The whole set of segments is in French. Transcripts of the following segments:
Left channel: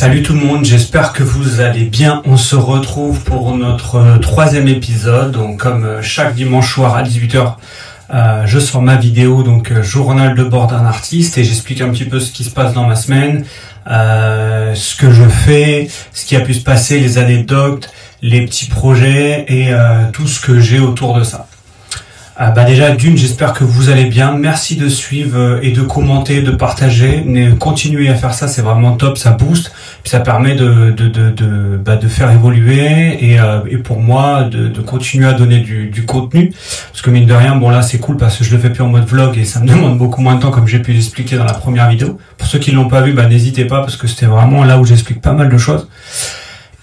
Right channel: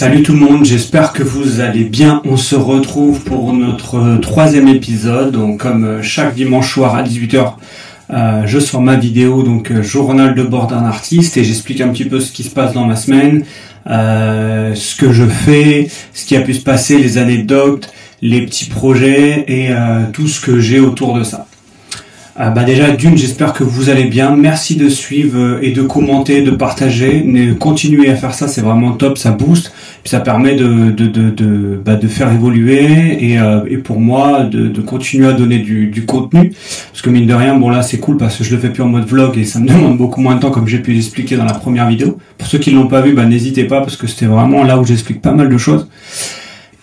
Salut tout le monde, j'espère que vous allez bien. On se retrouve pour notre troisième épisode. Donc comme chaque dimanche soir à 18h, je sors ma vidéo, donc journal de bord d'un artiste, et j'explique un petit peu ce qui se passe dans ma semaine, ce que je fais, ce qui a pu se passer, les anecdotes, les petits projets et tout ce que j'ai autour de ça. Déjà d'une, j'espère que vous allez bien. Merci de suivre et de commenter, de partager. Continuez à faire ça, c'est vraiment top, ça booste, puis ça permet de faire évoluer et pour moi de continuer à donner du contenu. Parce que mine de rien, bon là c'est cool parce que je le fais plus en mode vlog et ça me demande beaucoup moins de temps, comme j'ai pu l'expliquer dans la première vidéo. Pour ceux qui l'ont pas vu, n'hésitez pas parce que c'était vraiment là où j'explique pas mal de choses.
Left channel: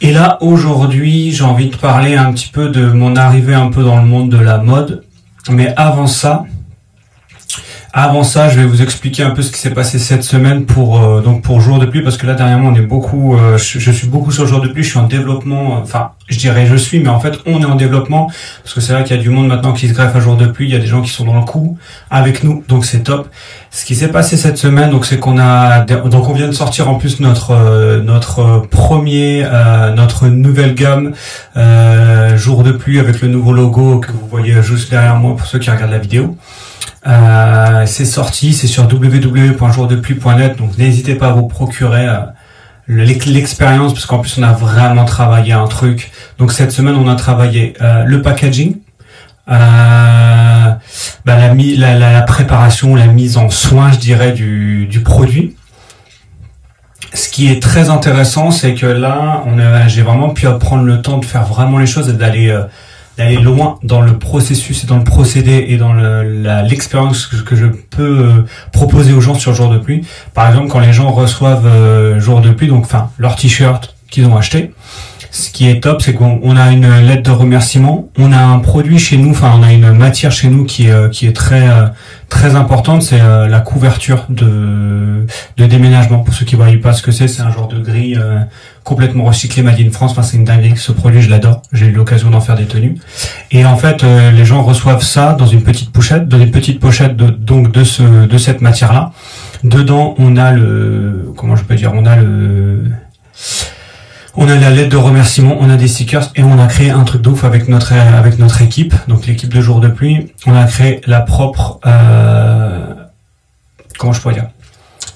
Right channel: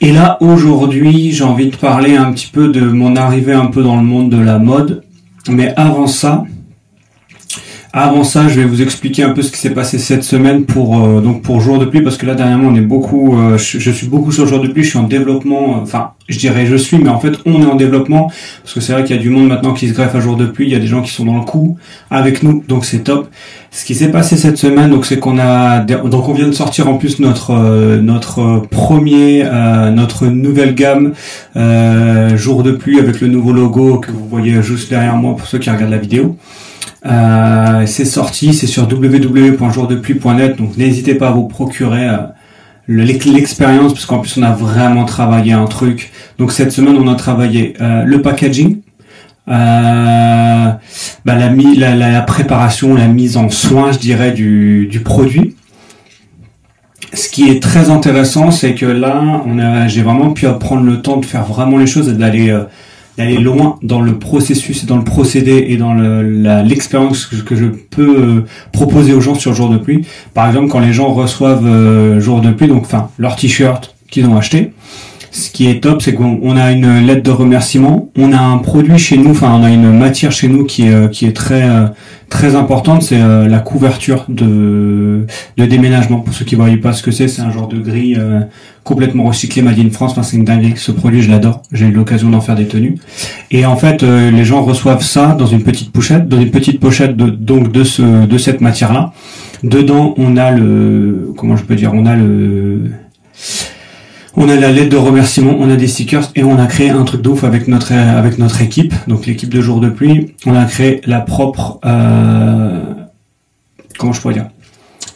Et là aujourd'hui, j'ai envie de parler un petit peu de mon arrivée un peu dans le monde de la mode. Mais avant ça, je vais vous expliquer un peu ce qui s'est passé cette semaine pour Jour de Pluie, parce que là dernièrement on est beaucoup, je suis beaucoup sur Jour de Pluie, je suis en développement, mais en fait on est en développement, parce que c'est vrai qu'il y a du monde maintenant qui se greffe à Jour de Pluie, il y a des gens qui sont dans le coup avec nous, donc c'est top. Ce qui s'est passé cette semaine, donc c'est qu'on vient de sortir en plus notre nouvelle gamme Jour de Pluie avec le nouveau logo que vous voyez juste derrière moi pour ceux qui regardent la vidéo. C'est sorti, c'est sur www.jourdepluie.net, donc n'hésitez pas à vous procurer l'expérience, parce qu'en plus on a vraiment travaillé un truc. Donc cette semaine on a travaillé le packaging, la préparation, la mise en soin, je dirais, du produit. Ce qui est très intéressant, c'est que là j'ai vraiment pu prendre le temps de faire vraiment les choses et d'aller loin dans le processus et dans le procédé et dans l'expérience que je peux proposer aux gens sur Jour de Pluie. Par exemple, quand les gens reçoivent Jour de Pluie, leur t-shirt qu'ils ont acheté, ce qui est top, c'est qu'on a une lettre de remerciement, on a un produit chez nous, on a une matière chez nous qui est très importante, c'est la couverture de déménagement. Pour ceux qui ne voient pas ce que c'est un genre de grille complètement recyclé, made in France. C'est une dinguerie, ce produit je l'adore, j'ai eu l'occasion d'en faire des tenues. Et en fait les gens reçoivent ça dans une petite pochette, de cette matière-là. Dedans on a on a la lettre de remerciement, on a des stickers et on a créé un truc de ouf avec notre équipe, donc l'équipe de Jour de Pluie. On a créé la propre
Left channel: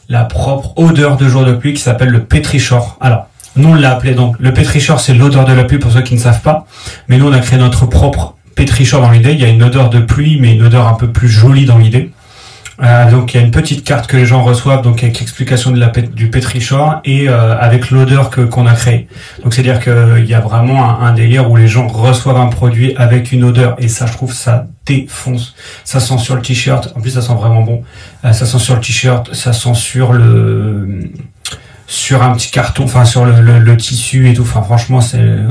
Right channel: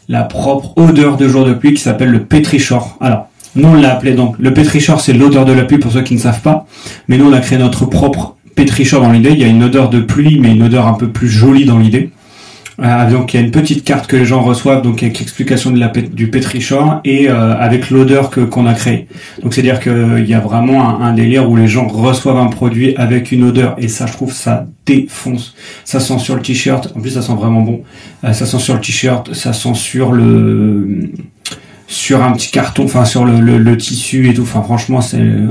la propre odeur de Jour de Pluie qui s'appelle le Pétrichor. Alors, nous on l'a appelé donc le Pétrichor, c'est l'odeur de la pluie pour ceux qui ne savent pas, mais nous on a créé notre propre Pétrichor dans l'idée. Il y a une odeur de pluie mais une odeur un peu plus jolie dans l'idée. Donc il y a une petite carte que les gens reçoivent, donc avec l'explication du Pétrichor et avec l'odeur qu'on a créée. Donc c'est à dire qu'il y a vraiment un délire où les gens reçoivent un produit avec une odeur, et ça je trouve ça défonce. Ça sent sur le t-shirt, en plus ça sent vraiment bon. Ça sent sur le t-shirt, ça sent sur un petit carton, sur le tissu et tout. Franchement,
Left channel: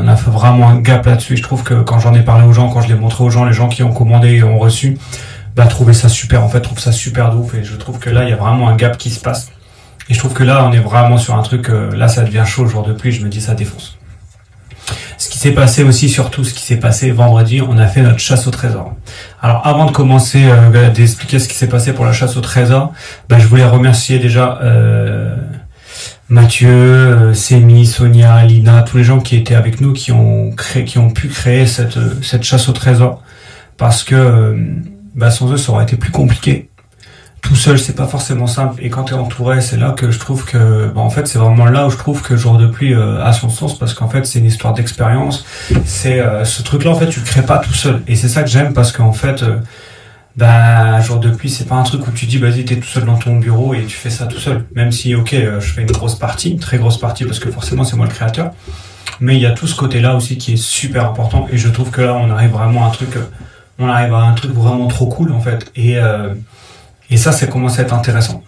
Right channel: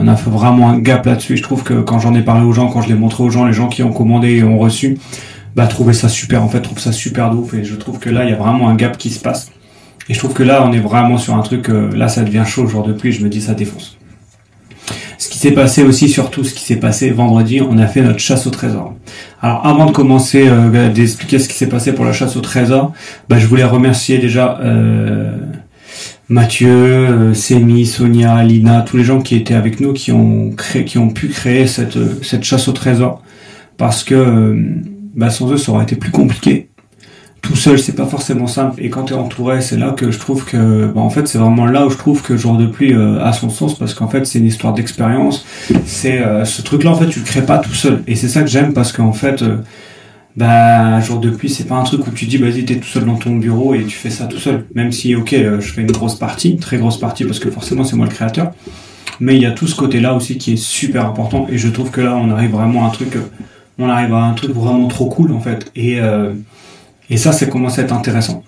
on a fait vraiment un gap là-dessus. Je trouve que quand j'en ai parlé aux gens, quand je l'ai montré aux gens, les gens qui ont commandé et ont reçu, trouver ça super, trouve ça super de ouf, et je trouve que là il y a vraiment un gap qui se passe, et je trouve que là on est vraiment sur un truc, là ça devient chaud. Jour de Pluie, je me dis ça défonce. Ce qui s'est passé aussi, surtout ce qui s'est passé vendredi, on a fait notre chasse au trésor. Alors avant de commencer d'expliquer ce qui s'est passé pour la chasse au trésor, je voulais remercier déjà Mathieu, Sémi, Sonia, Lina, tous les gens qui étaient avec nous, qui ont pu créer cette chasse au trésor, parce que sans eux ça aurait été plus compliqué. Tout seul c'est pas forcément simple, et quand tu es entouré, c'est là que je trouve que en fait c'est vraiment là où je trouve que Jour de Pluie a son sens, parce qu'en fait c'est une histoire d'expérience. C'est ce truc là, en fait tu le crées pas tout seul, et c'est ça que j'aime, parce qu'en fait Jour de Pluie c'est pas un truc où tu dis vas-y t'es tout seul dans ton bureau et tu fais ça tout seul, même si je fais une très grosse partie parce que forcément c'est moi le créateur, mais il y a tout ce côté là aussi qui est super important, et je trouve que là on arrive vraiment à un truc vraiment trop cool en fait, et ça c'est commencé à être intéressant.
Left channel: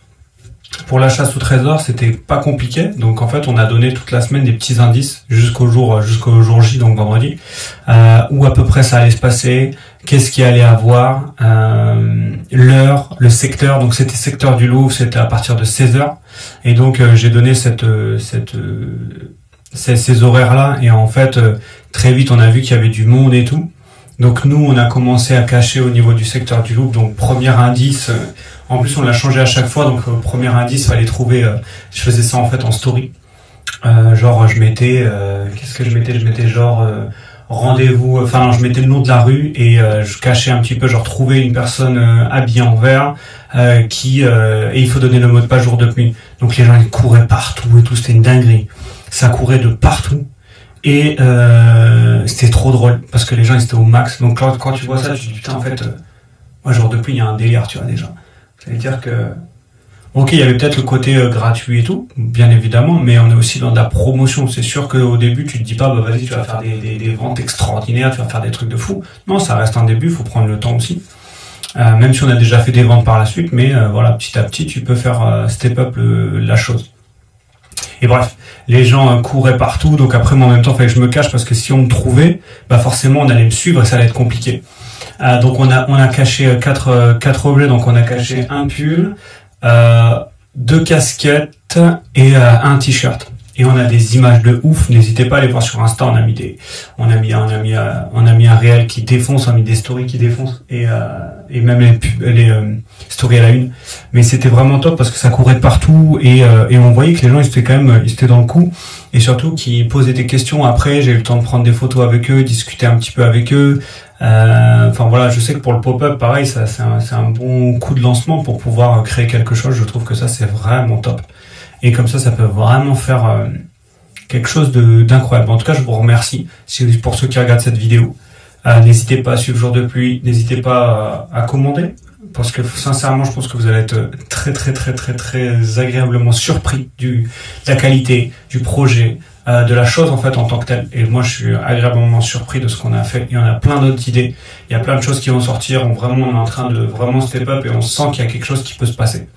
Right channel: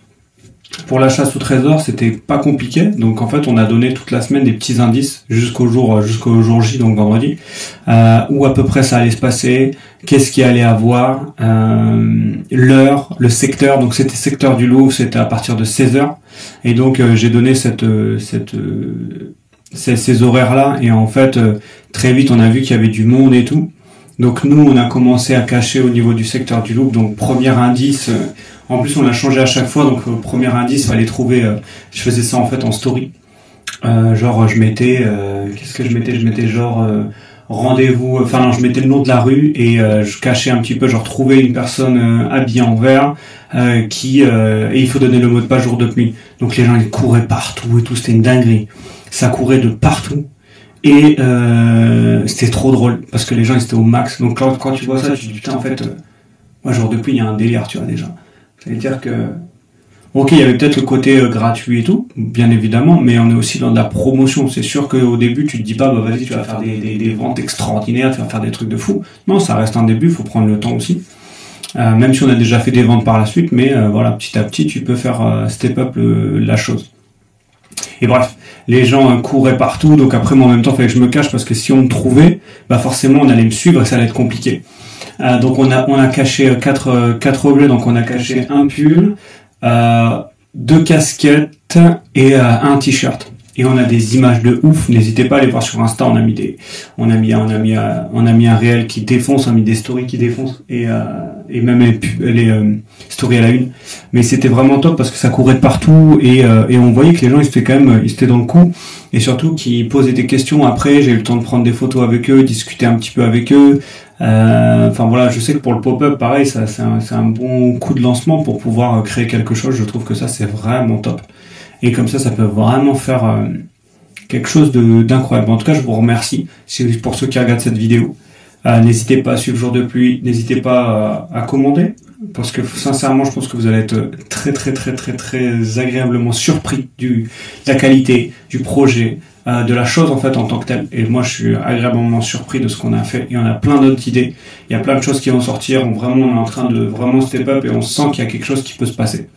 Pour la chasse au trésor, c'était pas compliqué, donc en fait on a donné toute la semaine des petits indices jusqu'au jour J, donc vendredi, où à peu près ça allait se passer, qu'est-ce qu'il allait avoir, l'heure, le secteur. Donc c'était secteur du Louvre, c'était à partir de 16h, et donc j'ai donné ces horaires là, et en fait très vite on a vu qu'il y avait du monde et tout. Donc nous, on a commencé à cacher au niveau du secteur du Louvre. Donc premier indice, en plus on l'a changé à chaque fois. Donc premier indice, fallait trouver. Je faisais ça en fait en story. Genre je mettais qu'est-ce que je mettais genre rendez-vous, enfin non, je mettais le nom de la rue et je cachais un petit peu, genre trouver une personne habillée en vert et il faut donner le mot de passe jour de pluie. Donc les gens ils couraient partout et tout, c'était une dinguerie. Ça courait de partout et c'était trop drôle parce que les gens ils étaient au max. Donc quand tu vois ça, tu te dis putain en fait moi jour de pluie il y a un délire, tu vois déjà. Ça veut dire que ok, il y avait peut-être le côté gratuit et tout, bien évidemment, mais on est aussi dans de la promotion. C'est sûr qu'au début, tu te dis pas, bah vas-y, tu vas faire des ventes extraordinaires, tu vas faire des trucs de fou. Non, ça reste un début, il faut prendre le temps aussi. Même si on a déjà fait des ventes par la suite, mais voilà, petit à petit, tu peux faire step up la chose. Et bref, les gens couraient partout, donc après, moi, en même temps, il fallait que je me cache, parce que si on me trouvait, bah forcément, on allait me suivre et ça allait être compliqué. Donc on a caché quatre objets, donc on a caché un pull, 2 casquettes et un t-shirt. Et on a des images de ouf. N'hésitez pas à aller voir sur Insta. On a mis un réel qui défonce, on a mis des stories qui défoncent et même les stories à la une. Mais c'était vraiment top parce que ça courait de partout et on voyait que les gens ils étaient dans le coup et surtout qu'ils posaient des questions. Après, j'ai eu le temps de prendre des photos avec eux, discuter un petit peu avec eux. Enfin voilà, je sais que pour le pop-up, pareil, c'est un bon coup de lancement pour pouvoir créer quelque chose. Je trouve que ça c'est vraiment top. Et comme ça peut vraiment faire quelque chose d'incroyable. En tout cas, je vous remercie pour ceux qui regardent cette vidéo. N'hésitez pas à suivre Jour de Pluie, n'hésitez pas à commander, parce que sincèrement, je pense que vous allez être très très très très très agréablement surpris de la qualité du projet, de la chose en fait en tant que telle. Et moi, je suis agréablement surpris de ce qu'on a fait. Il y en a plein d'autres idées. Il y a plein de choses qui vont sortir. On est en train de vraiment step up et on sent qu'il y a quelque chose qui peut se passer.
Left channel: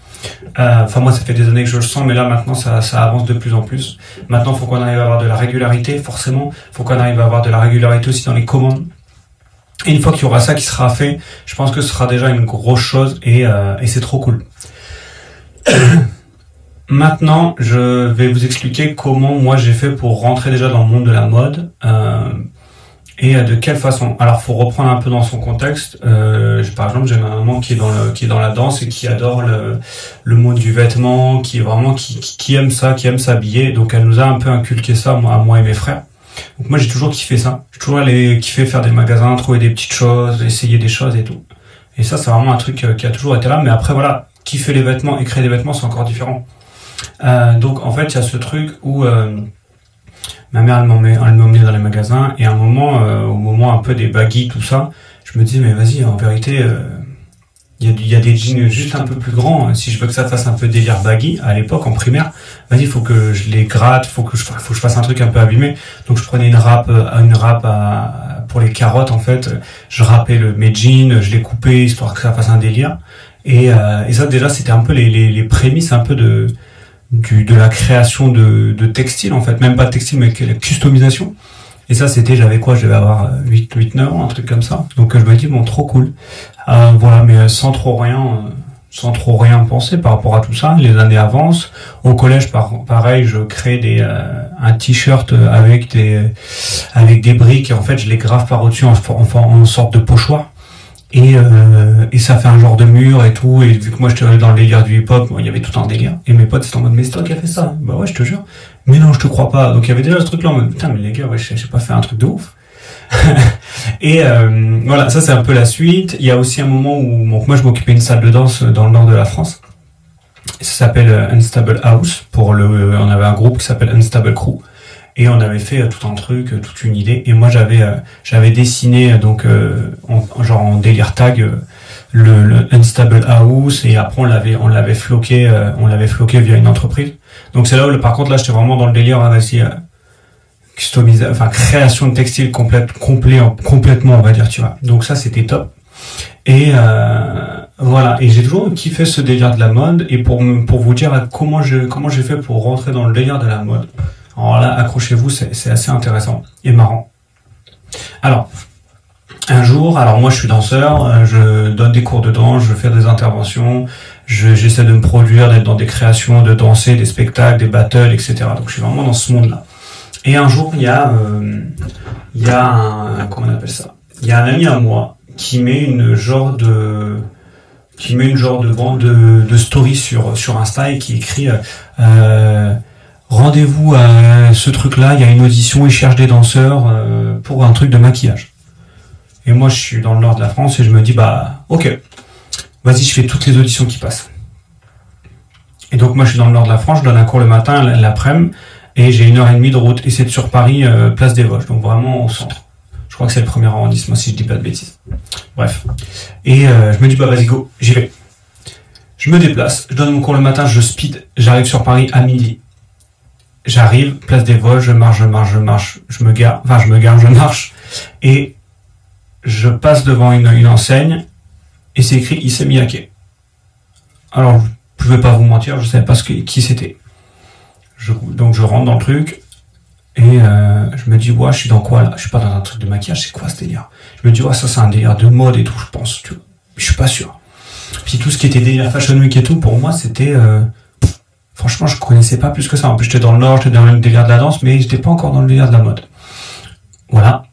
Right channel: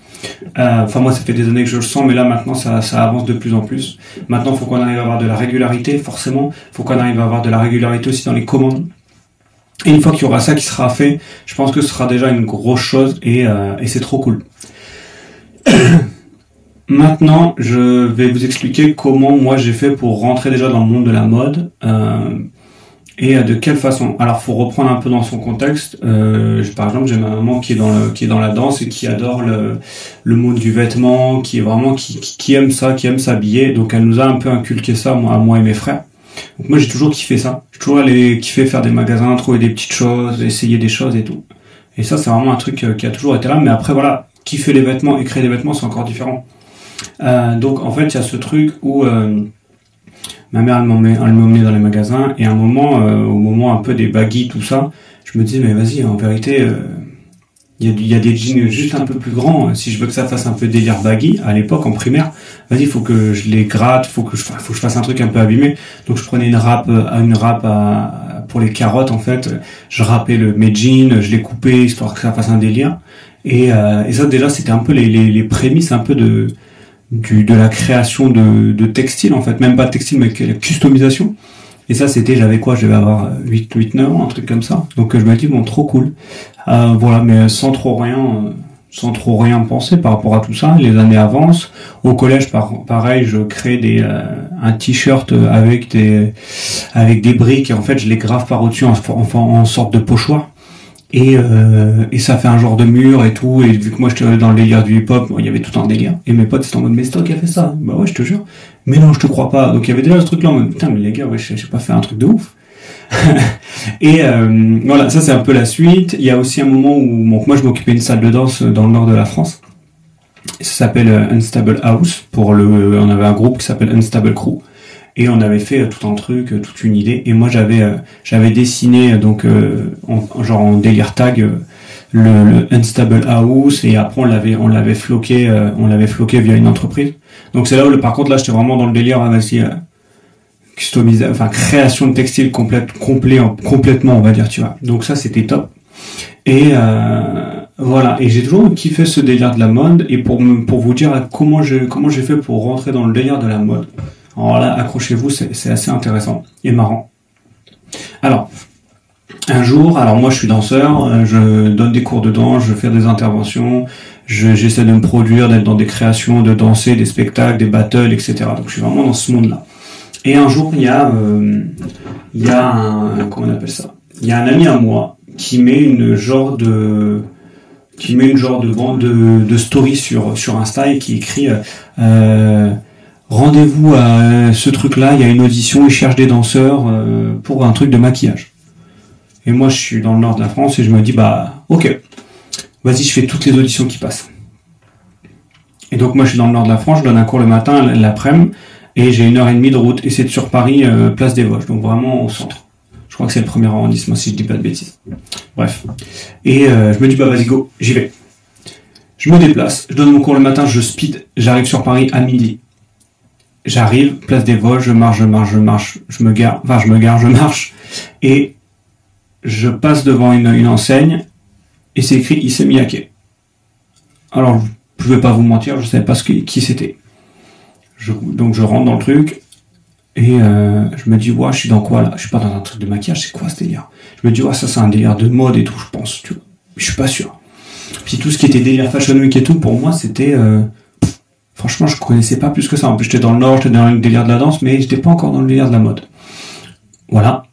Enfin moi ça fait des années que je le sens, mais là maintenant ça avance de plus en plus. Maintenant il faut qu'on arrive à avoir de la régularité, forcément. Il faut qu'on arrive à avoir de la régularité aussi dans les commandes. Et une fois qu'il y aura ça qui sera fait, je pense que ce sera déjà une grosse chose et c'est trop cool. Maintenant, je vais vous expliquer comment moi j'ai fait pour rentrer déjà dans le monde de la mode. Et de quelle façon? Alors, faut reprendre un peu dans son contexte. Par exemple, j'ai ma maman qui est dans la danse et qui adore le mode du vêtement, qui est vraiment qui aime ça, qui aime s'habiller. Donc, elle nous a un peu inculqué ça, moi et mes frères. Donc, moi, j'ai toujours kiffé ça. J'ai toujours kiffé faire des magasins, trouver des petites choses, essayer des choses et tout. Et ça, c'est vraiment un truc qui a toujours été là. Mais après, voilà, kiffer les vêtements et créer des vêtements, c'est encore différent. Donc, en fait, il y a ce truc où ma mère, elle m'emmenait dans les magasins, et à un moment, au moment un peu des baggy, tout ça, je me disais, mais vas-y, en vérité, il y a des jeans juste un peu plus grands, si je veux que ça fasse un peu délire baggy, à l'époque, en primaire, vas-y, faut que je les gratte, faut que je fasse un truc un peu abîmé. Donc je prenais une râpe pour les carottes, en fait, je râpais mes jeans, je les coupais, histoire que ça fasse un délire. Et ça, déjà, c'était un peu les prémices un peu de la création de textile, en fait, même pas de textile mais la customisation. Et ça j'avais quoi, je devais avoir 8 9 ans, un truc comme ça. Donc je me dis bon, trop cool. Voilà, mais sans trop rien penser par rapport à tout ça. Les années avancent. Au collège, pareil, je crée un t-shirt avec des briques et en fait je les grave par au-dessus en sorte de pochoir. Et ça fait un genre de mur et tout, et vu que moi j'étais dans le délire du hip-hop, il y avait tout un délire, et mes potes c'était en mode, mais c'est toi qui as fait ça? Bah ouais, je te jure. Mais non, je te crois pas. Donc il y avait déjà ce truc là en mode, putain, mais les gars, ouais, j'ai pas fait un truc de ouf. Et voilà, ça c'est un peu la suite. Il y a aussi un moment où moi je m'occupais d'une salle de danse dans le nord de la France. Ça s'appelle Unstable House, on avait un groupe qui s'appelle Unstable Crew. Et on avait fait tout un truc, toute une idée. Et moi, j'avais dessiné donc en délire tag le Unstable House. Et après, on l'avait floqué via une entreprise. Donc c'est là où, par contre, là, j'étais vraiment dans le délire customisation, enfin création de textile complètement, on va dire, tu vois. Donc ça, c'était top. Et voilà. Et j'ai toujours kiffé ce délire de la mode. Et pour vous dire comment j'ai fait pour rentrer dans le délire de la mode. Alors là, accrochez-vous, c'est assez intéressant et marrant. Alors, un jour, moi je suis danseur, je donne des cours de danse, je fais des interventions, j'essaie de me produire, d'être dans des créations, de danser, des spectacles, des battles, etc. Donc je suis vraiment dans ce monde-là. Et un jour, il y a comment on appelle ça? Il y a un ami à moi qui met une genre de bande de story sur Insta et qui écrit rendez-vous à ce truc-là, il y a une audition, ils cherchent des danseurs pour un truc de maquillage. Et moi, je suis dans le nord de la France et je me dis, bah, ok, vas-y, je fais toutes les auditions qui passent. Et donc, moi, je suis dans le nord de la France, je donne un cours le matin, l'après-midi, et j'ai 1h30 de route. Et c'est sur Paris, place des Vosges, donc vraiment au centre. Je crois que c'est le premier arrondissement, si je dis pas de bêtises. Bref. Et je me dis, bah, vas-y, go, j'y vais. Je me déplace, je donne mon cours le matin, je speed, j'arrive sur Paris à midi. J'arrive, place des Vosges, je marche, je marche, et je passe devant une enseigne, et c'est écrit Issey Miyake. Alors, je vais pas vous mentir, je savais pas qui c'était. Donc je rentre dans le truc, et je me dis, ouais, je suis dans quoi là? Je suis pas dans un truc de maquillage, c'est quoi ce délire? Je me dis, ouais, ça c'est un délire de mode et tout, je pense, tu vois. Je suis pas sûr. Puis tout ce qui était délire Fashion Week et tout, pour moi, c'était... franchement, je connaissais pas plus que ça. En plus, j'étais dans le Nord, j'étais dans le délire de la danse, mais j'étais pas encore dans le délire de la mode. Voilà.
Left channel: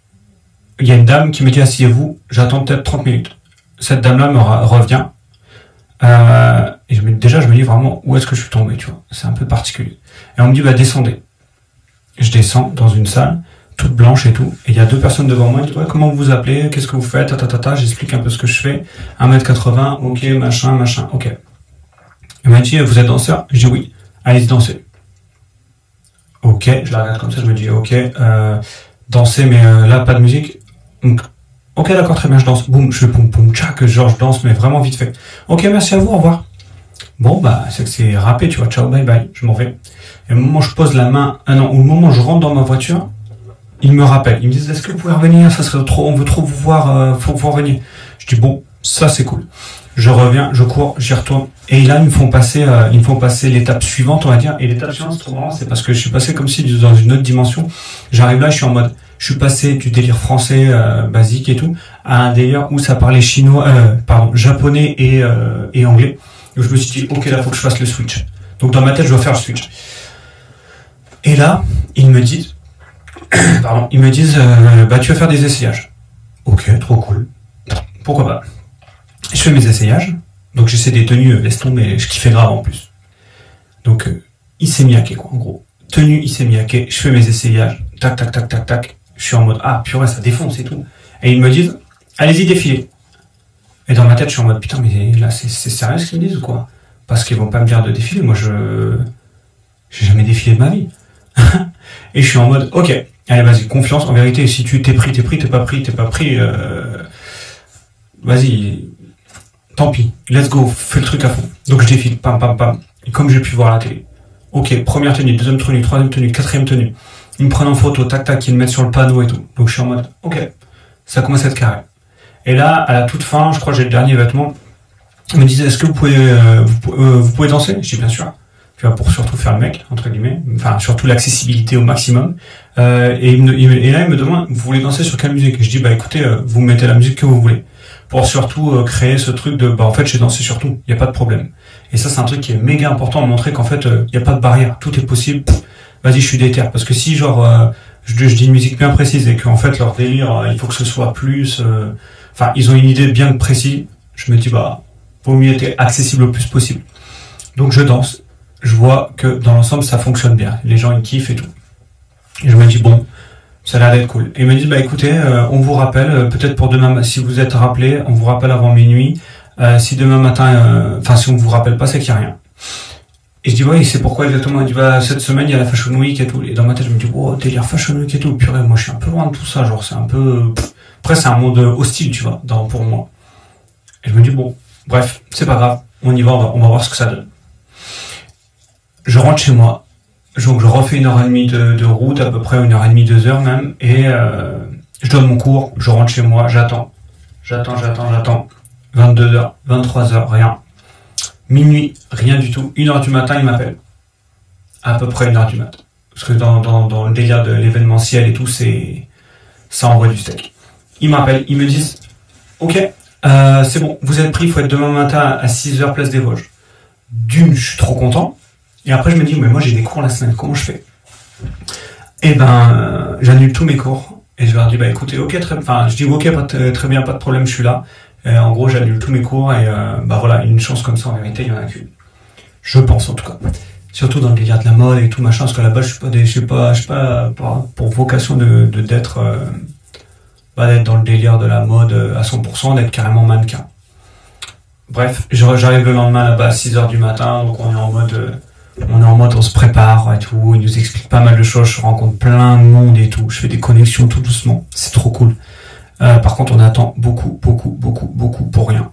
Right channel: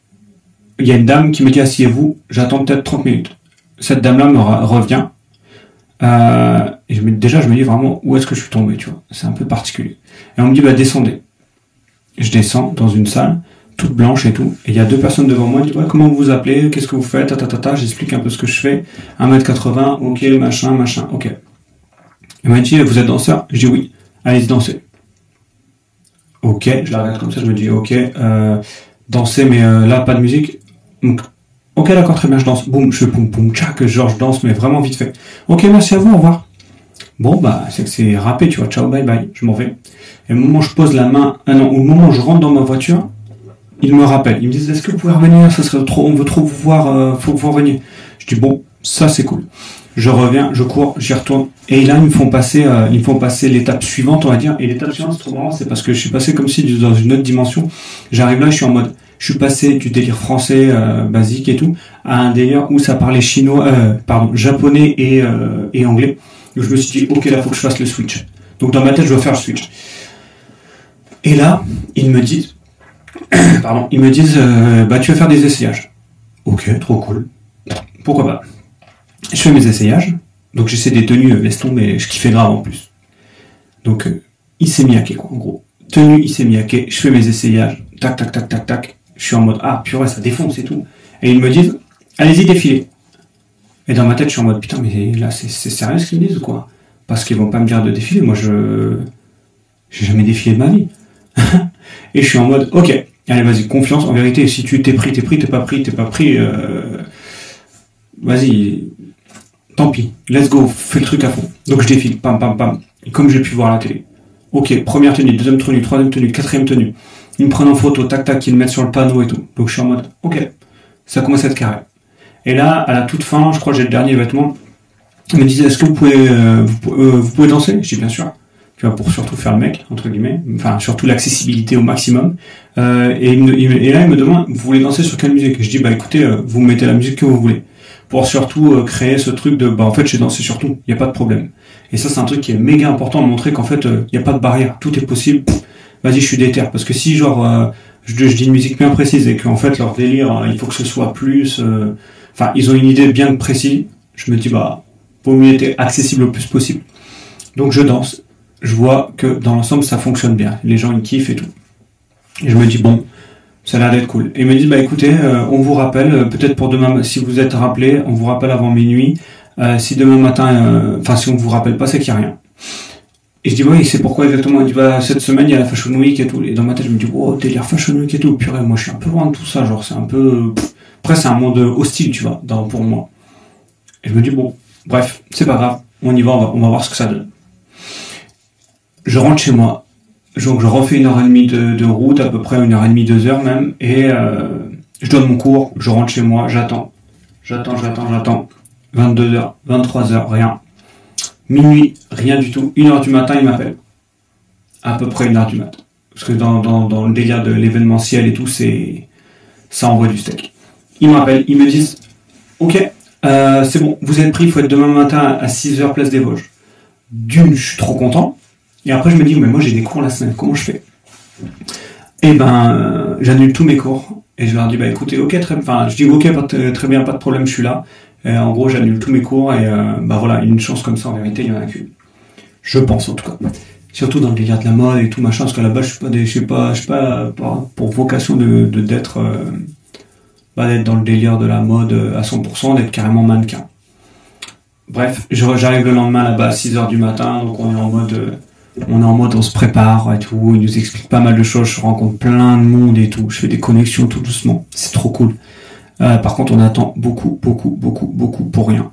Il y a une dame qui me dit, asseyez-vous, j'attends peut-être 30 minutes. Cette dame-là me revient. Et déjà, je me dis vraiment, où est-ce que je suis tombé, tu vois. C'est un peu particulier. Et on me dit, bah, descendez. Je descends dans une salle, toute blanche et tout. Et il y a 2 personnes devant moi. Ils disent, ouais, comment vous vous appelez? Qu'est-ce que vous faites? J'explique un peu ce que je fais. 1m80, ok, machin, ok. Elle m'a dit, vous êtes danseur? Je dis oui. Allez-y, danser. Ok, je la regarde comme ça, je me dis, ok, danser, mais là, pas de musique. Donc, ok, d'accord, très bien, je danse. Boum, je fais poum, poum, tchac, genre, je danse, mais vraiment vite fait. Ok, merci à vous, au revoir. Bon, bah, c'est que c'est râpé, tu vois, ciao, bye bye, je m'en vais. Et au moment où je pose la main, au moment où je rentre dans ma voiture, ils me rappellent. Ils me disent, est-ce que vous pouvez revenir? Ça serait trop, on veut trop vous voir, faut que vous reveniez. Je dis, bon, ça c'est cool. Je reviens, je cours, j'y retourne. Et là, ils me font passer l'étape suivante, on va dire. Et l'étape suivante, c'est trop marrant, c'est parce que je suis passé comme si dans une autre dimension. J'arrive là, je suis en mode, je suis passé du délire français, basique et tout, à un délire où ça parlait japonais et anglais. Et je me suis dit, ok, là, faut que je fasse le switch. Donc dans ma tête, je dois faire le switch. Et là, ils me disent, bah, tu vas faire des essayages. Ok, trop cool. Pourquoi pas? Je fais mes essayages. Donc j'essaie des tenues, laisse tomber, je kiffais grave en plus. Donc, Issey Miyake, quoi, en gros. Tenue Issey Miyake, je fais mes essayages. Tac, tac, tac, tac, tac. Je suis en mode, ah, purée, ça défonce et tout. Et ils me disent, allez-y, défilez. Et dans ma tête, je suis en mode, putain, mais là, c'est sérieux ce qu'ils me disent ou quoi? Parce qu'ils vont pas me dire de défiler. Moi, j'ai jamais défilé de ma vie. Et je suis en mode, ok, allez, vas-y, confiance. En vérité, si tu t'es pris, t'es pas pris, vas-y, tant pis, let's go, fais le truc à fond. Donc je défile, pam, pam, pam. Et comme j'ai pu voir à la télé. Ok, première tenue, deuxième tenue, troisième tenue, quatrième tenue. Ils me prennent en photo, tac, tac, ils me mettent sur le panneau et tout. Donc je suis en mode, ok, ça commence à être carré. Et là, à la toute fin, je crois que j'ai le dernier vêtement. Ils me disaient, est-ce que vous pouvez danser? Je dis bien sûr. Tu vois, pour surtout faire le mec, entre guillemets. Enfin, surtout l'accessibilité au maximum. Et là, ils me demandent, vous voulez danser sur quelle musique? Je dis, bah écoutez, vous mettez la musique que vous voulez. Pour surtout créer ce truc de, bah en fait, j'ai dansé sur tout, il n'y a pas de problème. Et ça, c'est un truc qui est méga important, montrer qu'en fait, il n'y a pas de barrière, tout est possible. Vas-y, je suis déter. Parce que si, genre, je dis une musique bien précise et qu'en fait, leur délire, il faut que ce soit plus... Enfin, ils ont une idée bien précise, je me dis, bah, vaut mieux être accessible le plus possible. Donc, je danse. Je vois que dans l'ensemble, ça fonctionne bien. Les gens, ils kiffent et tout. Et je me dis, bon, ça a l'air d'être cool. Et ils me disent, bah écoutez, on vous rappelle, peut-être pour demain, si vous êtes rappelé, on vous rappelle avant minuit. Si demain matin, si on vous rappelle pas, c'est qu'il n'y a rien. Et je dis, ouais, c'est pourquoi exactement? Il dit, bah, cette semaine, il y a la Fashion Week et tout. Et dans ma tête, je me dis, oh, délire Fashion Week et tout. Purée, moi, je suis un peu loin de tout ça. Genre, c'est un peu... Après, c'est un monde hostile, tu vois, pour moi. Et je me dis, bon, bref, c'est pas grave. On y va, on va voir ce que ça donne. Je rentre chez moi. Donc je refais 1h30 de route, à peu près 1h30, 2h même, et je donne mon cours, je rentre chez moi, j'attends. 22h, 23h, rien. Minuit, rien du tout. 1h du matin, il m'appelle. À peu près 1h du matin. Parce que dans le délire de l'événementiel et tout, ça envoie du steak. Ils m'appellent, ils me disent, ok, c'est bon, vous êtes pris, il faut être demain matin à 6h, place des Vosges. D'une, je suis trop content. Et après, je me dis, mais moi, j'ai des cours la semaine, comment je fais? Eh ben, j'annule tous mes cours. Et je leur dis, bah écoutez, ok, je dis, ok, très bien, pas de problème, je suis là. Et en gros, j'annule tous mes cours et bah voilà, une chance comme ça, en vérité, il y en a qu'une. Je pense, en tout cas. Surtout dans le délire de la mode et tout machin, parce que là-bas, je suis pas pour vocation d'être d'être dans le délire de la mode à 100%, d'être carrément mannequin. Bref, j'arrive le lendemain là-bas à 6h du matin, donc on est en mode on se prépare et tout, il nous explique pas mal de choses, je rencontre plein de monde et tout, je fais des connexions tout doucement, c'est trop cool. Par contre, on attend beaucoup pour rien.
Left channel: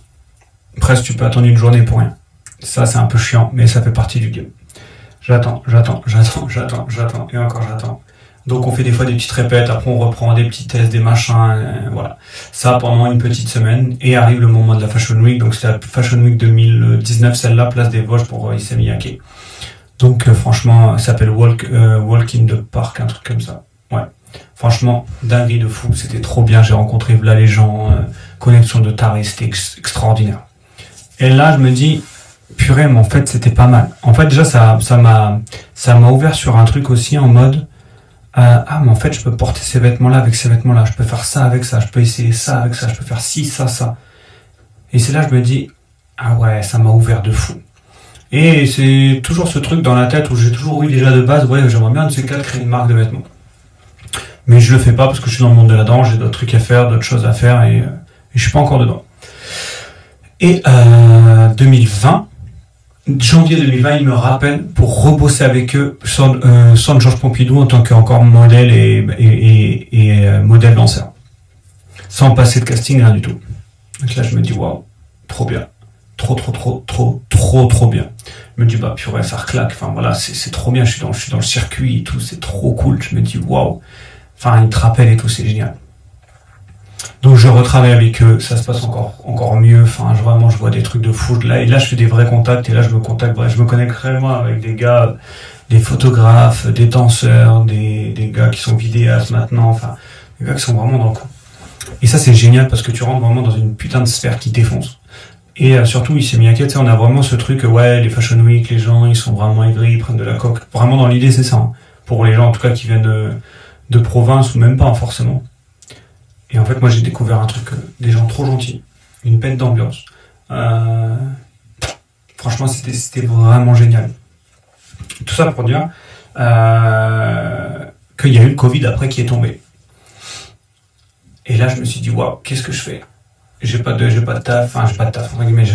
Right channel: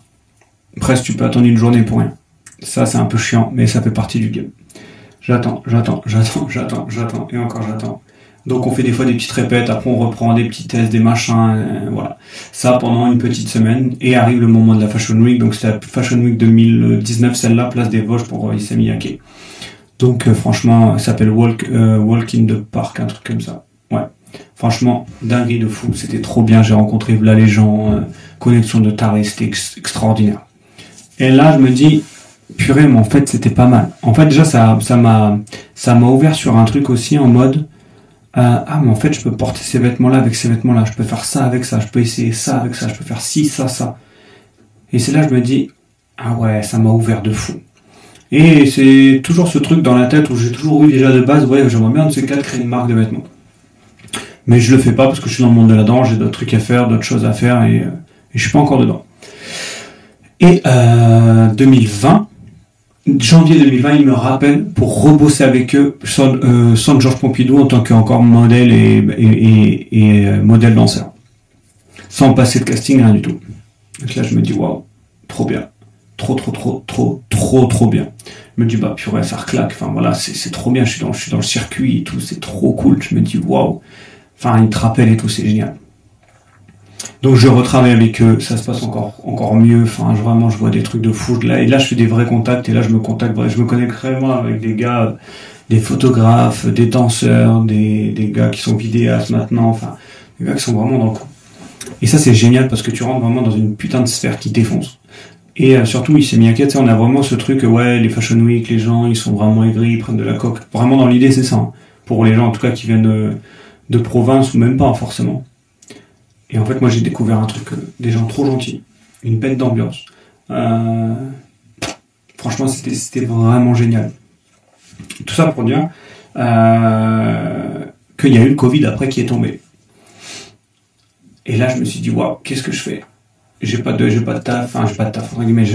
Presque tu peux attendre une journée pour rien. Ça, c'est un peu chiant, mais ça fait partie du game. J'attends, et encore j'attends. Donc on fait des fois des petites répètes, après on reprend des petits tests, des machins, voilà. Ça pendant une petite semaine, et arrive le moment de la Fashion Week, donc c'est la Fashion Week 2019, celle-là, place des Vosges pour Issey Miyake. Donc franchement, ça s'appelle Walk in the Park, un truc comme ça. Ouais. Franchement, dinguerie de fou, c'était trop bien, j'ai rencontré là les gens, connexion de taré, c'était extraordinaire. Et là, je me dis, purée, mais en fait, c'était pas mal. En fait, déjà, ça m'a ouvert sur un truc aussi en mode, mais en fait, je peux porter ces vêtements-là avec ces vêtements-là, je peux faire ça avec ça, je peux essayer ça avec ça, je peux faire ci, ça. Et c'est là, je me dis, ah ouais, ça m'a ouvert de fou. Et c'est toujours ce truc dans la tête où j'ai toujours eu déjà de base, ouais, j'aimerais bien de ces cas créer une marque de vêtements. Mais je le fais pas parce que je suis dans le monde de la danse, j'ai d'autres trucs à faire, d'autres choses à faire et je suis pas encore dedans. Et 2020, janvier 2020, ils me rappellent pour rebosser avec eux sans Georges Pompidou en tant qu'encore modèle et modèle danseur. Sans passer de casting, rien du tout. Donc là, je me dis, waouh, trop bien. Trop bien. Je me dis, bah, purée, ça reclaque. Enfin, voilà, c'est trop bien. Je suis dans le circuit et tout. C'est trop cool. Je me dis, waouh. Enfin, ils te rappellent et tout. C'est génial. Donc, je retravaille avec eux. Ça se passe encore mieux. Enfin, vraiment, je vois des trucs de fou. Et là, je fais des vrais contacts. Et là, je me connecte réellement avec des gars, des photographes, des danseurs, des gars qui sont vidéastes maintenant. Enfin, des gars qui sont vraiment dans le coup. Et ça, c'est génial parce que tu rentres vraiment dans une putain de sphère qui défonce. Et surtout, Issey Miyake, tu sais, on a vraiment ce truc, ouais, les Fashion Week, les gens, ils sont vraiment aigris, ils prennent de la coque. Vraiment, dans l'idée, c'est ça. Hein. Pour les gens, en tout cas, qui viennent de province ou même pas, forcément. Et en fait, moi, j'ai découvert un truc, des gens trop gentils, une bête d'ambiance. Franchement, c'était vraiment génial. Tout ça pour dire qu'il y a eu le Covid après qui est tombé. Et là, je me suis dit, waouh, qu'est-ce que je fais ? J'ai pas de taf, entre guillemets,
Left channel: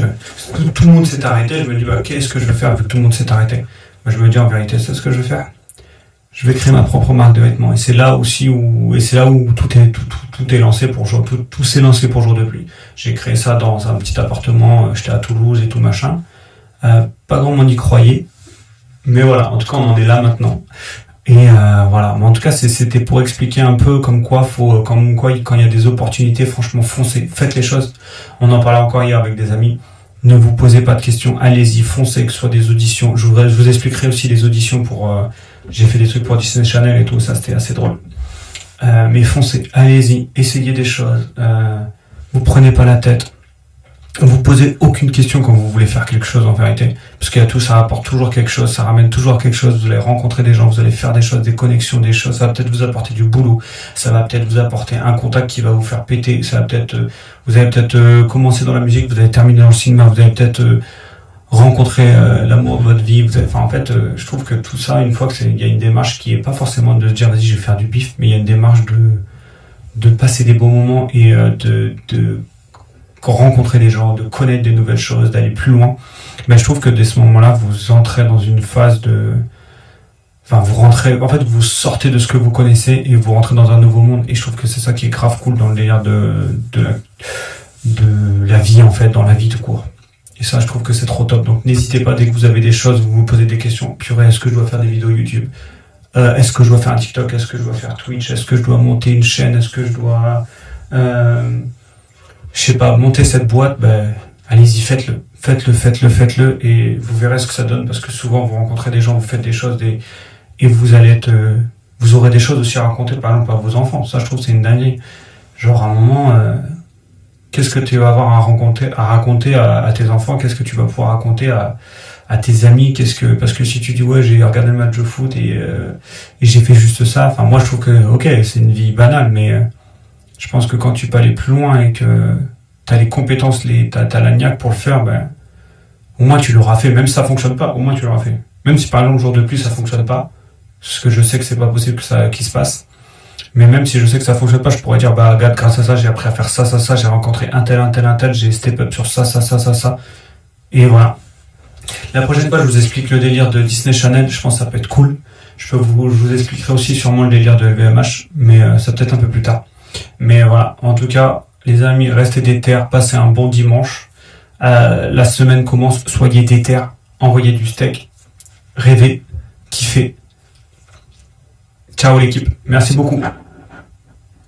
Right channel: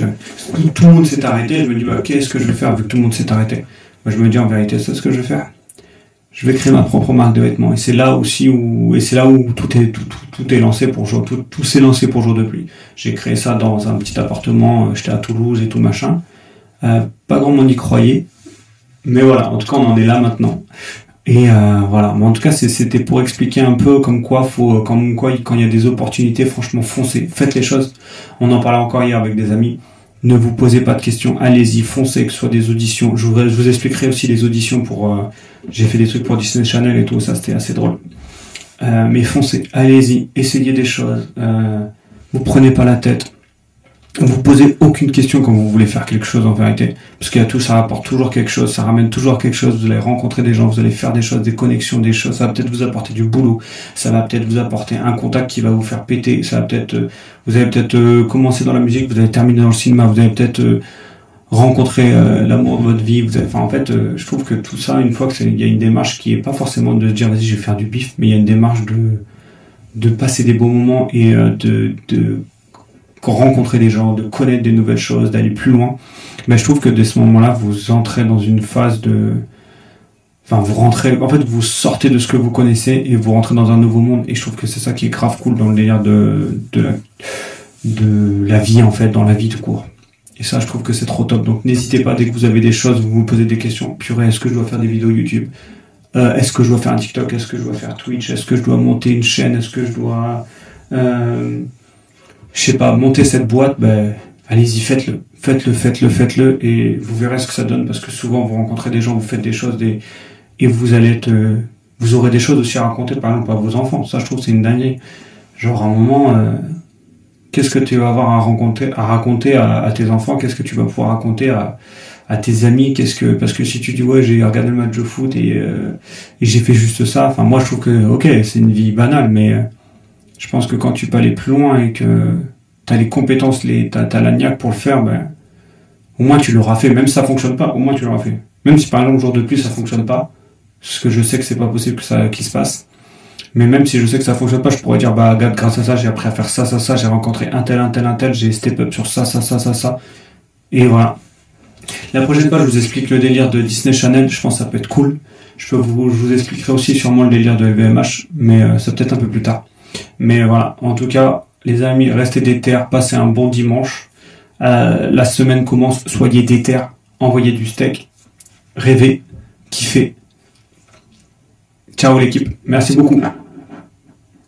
tout le monde s'est arrêté, je me dis, bah, qu'est-ce que je vais faire vu que tout le monde s'est arrêté? Bah, je me dis, en vérité, c'est ce que je vais faire. Je vais créer ma propre marque de vêtements. Et c'est là aussi où tout est lancé tout s'est lancé pour jour de pluie. J'ai créé ça dans un petit appartement, j'étais à Toulouse et tout machin. Pas grand monde y croyait. Mais voilà, en tout cas, on en est là maintenant. Et voilà, mais en tout cas c'était pour expliquer un peu comme quoi quand il y a des opportunités, franchement foncez, faites les choses. On en parlait encore hier avec des amis. Ne vous posez pas de questions, allez-y, foncez, que ce soit des auditions. Je vous expliquerai aussi les auditions pour j'ai fait des trucs pour Disney Channel et tout ça, c'était assez drôle. Mais foncez, allez-y, essayez des choses. Vous prenez pas la tête. Vous posez aucune question quand vous voulez faire quelque chose en vérité, parce qu'il y a tout, ça rapporte toujours quelque chose, ça ramène toujours quelque chose, vous allez rencontrer des gens, vous allez faire des choses, des connexions, des choses, ça va peut-être vous apporter du boulot, ça va peut-être vous apporter un contact qui va vous faire péter, ça va peut-être, vous allez peut-être commencer dans la musique, vous allez terminer dans le cinéma, vous allez peut-être rencontrer l'amour de votre vie, en fait, je trouve que tout ça, une fois que il y a une démarche qui est pas forcément de se dire vas-y je vais faire du bif, mais il y a une démarche de passer des bons moments et de rencontrer des gens, de connaître des nouvelles choses, d'aller plus loin. Mais je trouve que dès ce moment-là, vous entrez dans une phase vous sortez de ce que vous connaissez et vous rentrez dans un nouveau monde. Et je trouve que c'est ça qui est grave cool dans le délire de la vie, en fait, dans la vie tout court. Et ça, je trouve que c'est trop top. Donc, n'hésitez pas, dès que vous avez des choses, vous vous posez des questions. Purée, est-ce que je dois faire des vidéos YouTube? Est-ce que je dois faire un TikTok? Est-ce que je dois faire Twitch? Est-ce que je dois monter une chaîne? Est-ce que je dois... je sais pas, monter cette boîte, allez-y, faites-le, et vous verrez ce que ça donne, parce que souvent, vous rencontrez des gens, vous faites des choses, et vous aurez des choses aussi à raconter, par exemple, à vos enfants. Ça, je trouve, c'est une dinguerie. Genre, à un moment, qu'est-ce que tu vas avoir à raconter à tes enfants? Qu'est-ce que tu vas pouvoir raconter à tes amis? Parce que si tu dis, ouais, j'ai regardé le match de foot et j'ai fait juste ça, enfin, moi, je trouve que, ok, c'est une vie banale, mais, je pense que quand tu peux aller plus loin et que t'as les compétences, t'as la niaque pour le faire, au moins tu l'auras fait. Même si ça fonctionne pas, au moins tu l'auras fait. Même si par exemple, jour de pluie, ça fonctionne pas, parce que je sais que c'est pas possible que ça, qu'il se passe. Mais même si je sais que ça fonctionne pas, je pourrais dire, bah, regarde, grâce à ça, j'ai appris à faire ça, ça, ça, j'ai rencontré un tel, j'ai step up sur ça, ça, ça, ça, ça. Et voilà. La prochaine fois, je vous explique le délire de Disney Channel, je pense que ça peut être cool. Je vous expliquerai aussi sûrement le délire de LVMH, mais ça peut-être un peu plus tard. Mais voilà, en tout cas, les amis, restez déter, passez un bon dimanche. La semaine commence, soyez déter, envoyez du steak, rêvez, kiffez. Ciao l'équipe, merci beaucoup.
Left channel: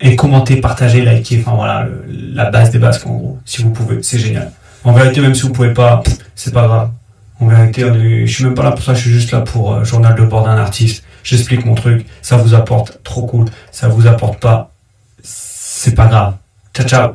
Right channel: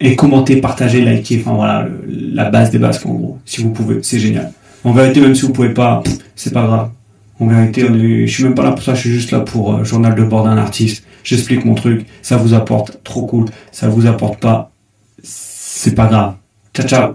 Et commentez, partagez, likez, enfin voilà, la base des bases, en gros, si vous pouvez, c'est génial. En vérité, même si vous pouvez pas, c'est pas grave. En vérité, je suis même pas là pour ça, je suis juste là pour journal de bord d'un artiste. J'explique mon truc, ça vous apporte, trop cool. Ça vous apporte pas, c'est pas grave. Ciao, ciao.